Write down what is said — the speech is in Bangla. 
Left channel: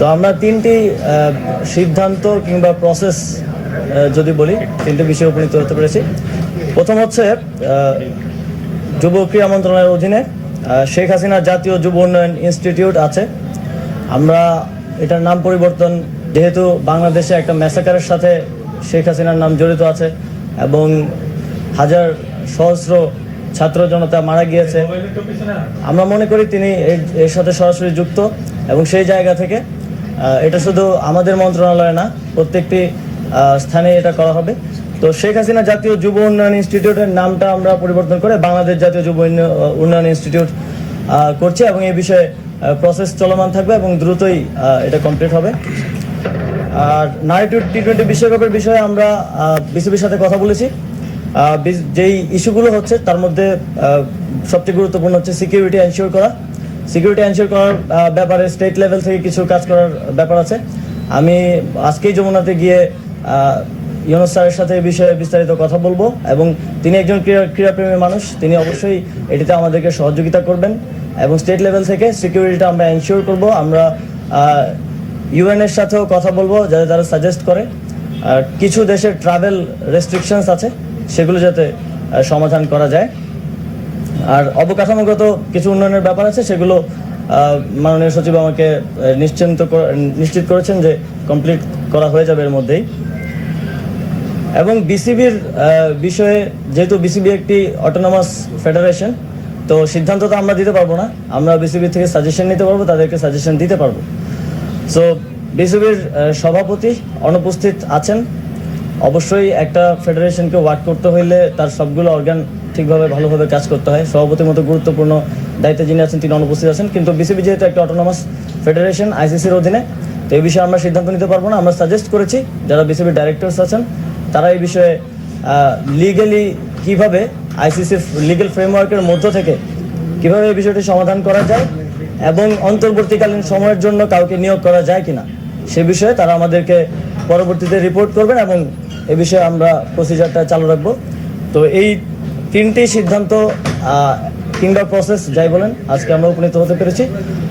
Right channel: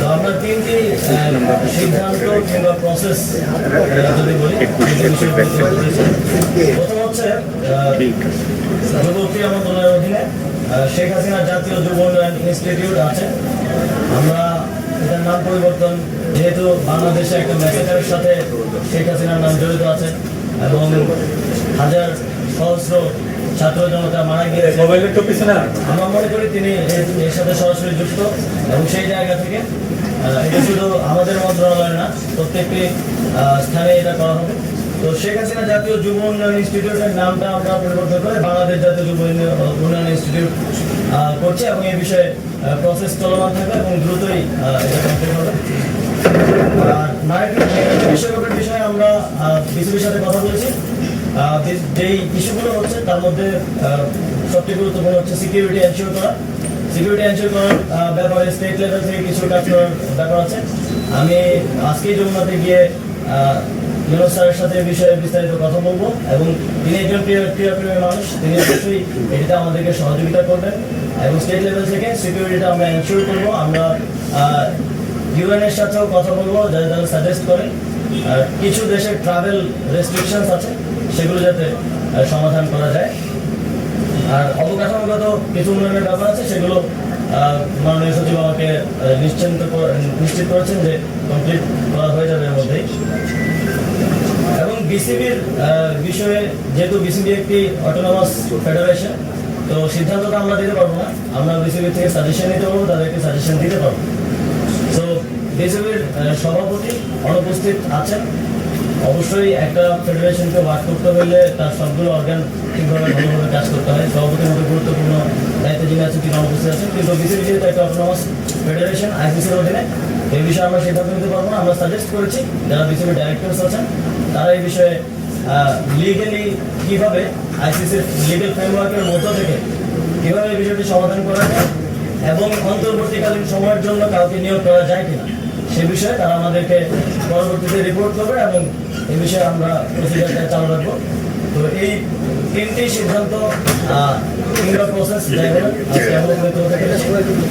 তো আমরা তিনটি সিদ্ধান্ত কিংবা প্রসেস যদি বলি তিনটি বিষয়ে উপনীত হতে পেরেছি। প্রথম হচ্ছে যুব ক্রীড়া মন্ত্রণালয়ের অধীনে শেখ হাসিনা জাতীয় যুব উন্নয়ন ইনস্টিটিউট আছে। আমরা এটার নাম পরিবর্তন, যেহেতু বাংলাদেশে একটা ম্যাসাকারের সাথে শেখ হাসিনার নাম জড়িত আছে এবং হাজার সহস্র ছাত্র জনতা মারা গিয়েছে, আমরা মনে করি তিনি এর সাথে সরাসরি যুক্ত এবং সেই জায়গা থেকে এটা শুধু আমাদের মন্ত্রণালয় না, প্রত্যেকটি স্থানে এটা করা হবে। তো শেখ হাসিনা জাতীয় যুব উন্নয়ন ইনস্টিটিউটের নামটা আমরা পরিবর্তন করে বাংলাদেশ জাতীয় যুব উন্নয়ন ইনস্টিটিউট করছি এবং এই বিষয়ে প্রসেস চলমান থাকবে এবং দ্রুতই এটা কমপ্লিট হবে। আর নারী টি-20 বিশ্বকাপের বিষয়ে আমরা বিসিবির সাথে কথা বলেছি। যেই ইস্যুগুলো হচ্ছে তার মধ্যে সবচেয়ে গুরুত্বপূর্ণ হচ্ছে সিকিউরিটি এনশিওর করা। সিকিউরিটি এনশিওর করার ব্যাপারে স্টেট লেভেল থেকে কিছু কাজ করার ব্যাপার আছে। আমি আজকেই যমুনাতে গিয়ে ইউনুস স্যারের সাথে এই বিষয়ে বিস্তারিত কথা বলবো এবং তিনি একজন ক্রীড়াপ্রেমী মানুষ, তিনি অবশ্যই এটিতে আমাদেরকে সহযোগিতা করবেন এবং স্টেট লেভেল থেকে সিকিউরিটিটা আমরা এনশিওর করবো। আমরা ইউএনের সাথেও কথা বলবো যাতে তারা সাজেস্ট করে কিছু দেশের ট্রাভেল রেস্ট্রিকশনস আছে সেগুলো যাতে সমাধান করা যায়। আর অবকাঠামোগত কিছু উন্নয়নের ব্যাপার আছে, সেগুলো মাননীয় সচিব আমাকে নিশ্চিত করেছেন যে কমপ্লিট করা হয়ে যাবে এর মধ্যেই। এবং বিসিবির বিষয়ে, যেহেতু বিসিবি একটি অটোনমাস ফেডারেশন, তো সিদ্ধান্ত তো আমরা দিতে পারবো না, আমরা বিসিবি থেকে সাজেশন নিতে পারবো, তাদেরকে সাজেশন দিতে পারবো। সো বিসিবির সভাপতি অনুপস্থিত আছেন। অবশ্যই একটা ফেডারেশনকে ওয়ার্ক করতে হইলে তার সবগুলো অর্গান ঠিকভাবে ভালোভাবে কাজ করতে হয়। সভাপতির মতো গুরুত্বপূর্ণ দায়িত্বে যিনি আছেন তিনি অনুপস্থিত আছেন, কিন্তু বিসিবি যেহেতু একটা অটোনমাস ফেডারেশন আইসিসির অধীনে, এই বিষয়ে আমরা সিদ্ধান্ত নিতে পারবো না। আমরা সাজেস্ট করেছি যারা বিসিবির ডাইরেক্টরস আছেন তারা এই বিষয়ে লিগালি কীভাবে আইসিসির লিগ্যাল ফ্রেমওয়ার্কের মধ্য থেকে কীভাবে এই বিষয়টি সমাধান করা যায় এবং অন্তর্বর্তীকালীন সময়ের জন্য কাউকে নিয়োগ করা যায় কিনা সে বিষয়ে তারা আমাদেরকে পরবর্তীতে রিপোর্ট করবে এবং এ বিষয়ে আমরা প্রসিজারটা চালু রাখবো। তো এই তিনটি সিদ্ধান্ত কিংবা প্রসেস যাই বলেন আজকে আমরা উপনীত হতে পেরেছি।